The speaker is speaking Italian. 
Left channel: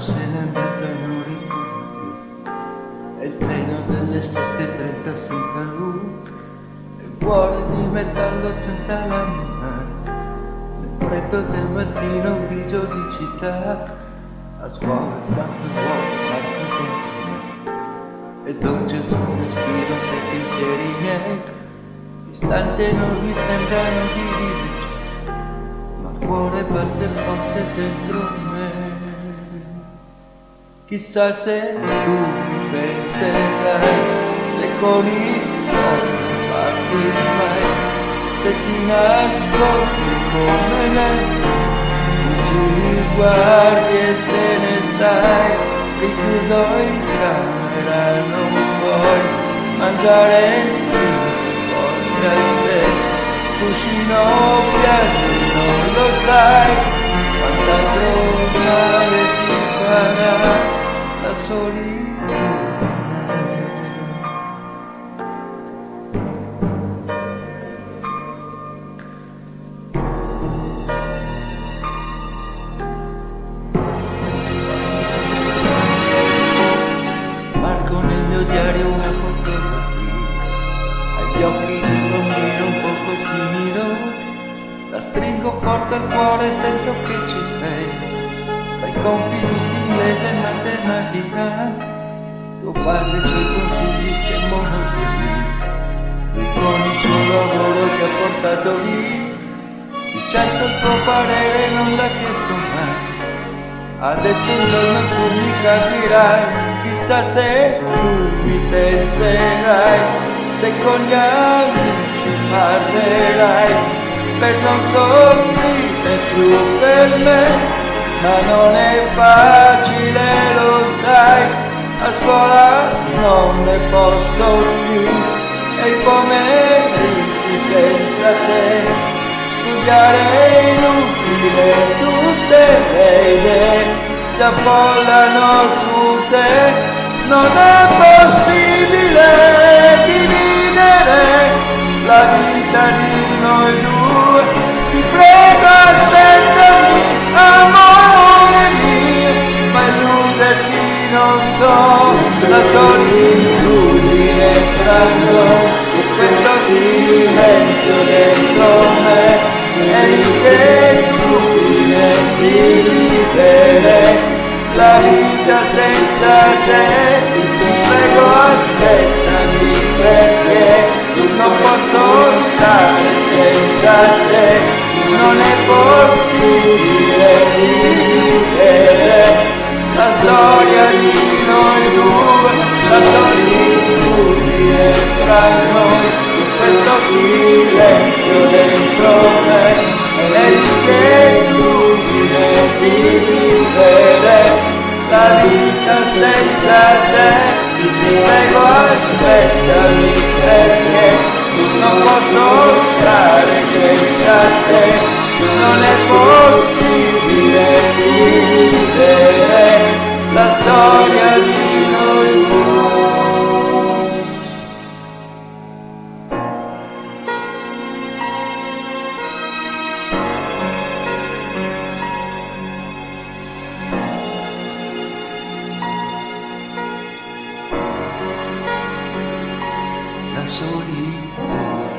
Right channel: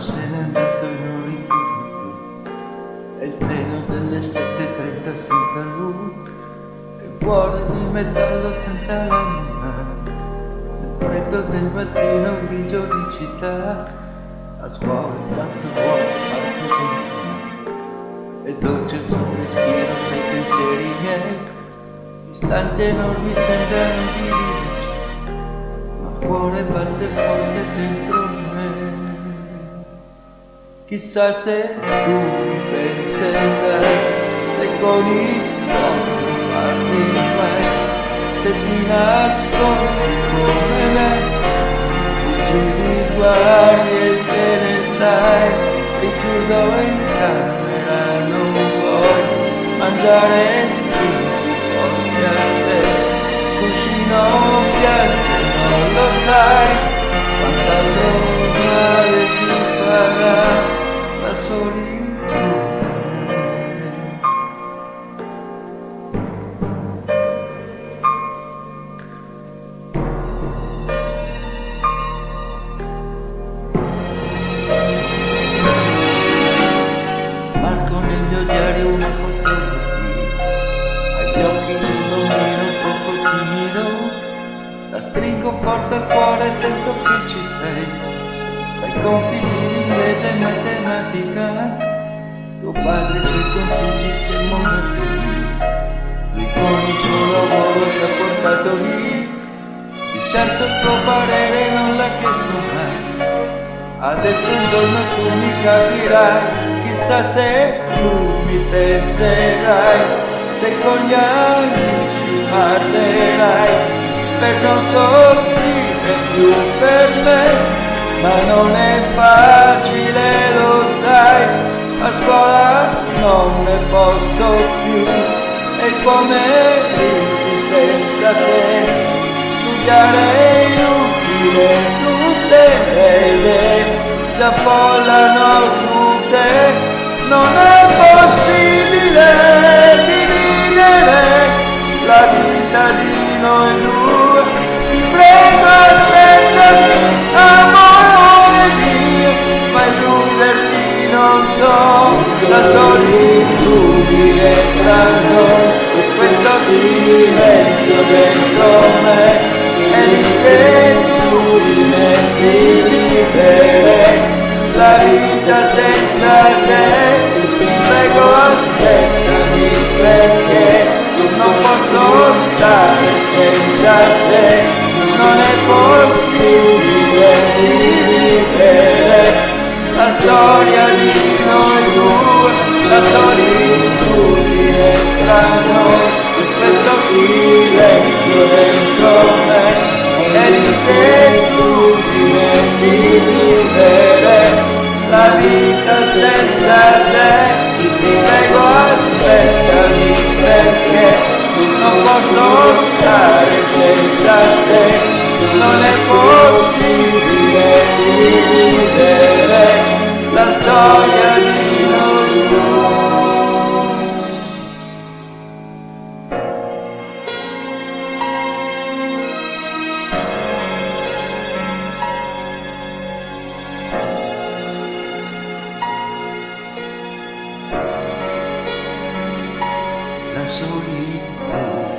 Quando se n'è andato e non ritorna più, è il treno delle 7:30 senza lui, è il cuore di metallo senza l'anima, nel freddo del mattino grigio di città, a scuola quanto vuoto Marco dentro me, è dolce il suo respiro nei pensieri miei, distanze enormi sembrano dividerci, ma il cuore batte forte dentro me. Chissà se tu mi penserai, se con i tuoi non parli mai, se ti nascondi come me, fuggi di sguardi e te ne stai, richiuso in camera non vuoi mangiare stringi forte a te, cuscino piace non lo sai, quant'altro male ti farà la solitudine. Marco nel mio diario una fotografia, agli occhi di un bambino un poco timido, la stringo forte al cuore e sento che ci sei. Dai compiti di inglese e matematica, tuo padre e i suoi consigli che monotonia, lui con il suo lavoro ti ha portato via, di certo il tuo parere non l'ha chiesto mai, ha detto un giorno tu mi capirai, chissà se tu mi penserai, se con gli amici parlerai, per non soffrire più per me. Ma non è facile, lo sai, a scuola non ne posso più, e i pomeriggi senza te, studiare è inutile, tutte le idee si affollano su te, non è possibile dividere la vita di noi due, ti prego aspettami, amore mio, ma illuderti non so, la solitudine tra noi, questo silenzio dentro me, è l'inquietudine di vivere la vita senza te, ti prego aspettami perché non posso stare senza te, non è possibile vivere la storia di noi due, la solitudine tra noi, questo silenzio dentro me, è l'inquietudine di vivere la vita senza te, ti prego aspettami perché non posso stare senza te, non è possibile dividere la storia di noi due. La solitudine.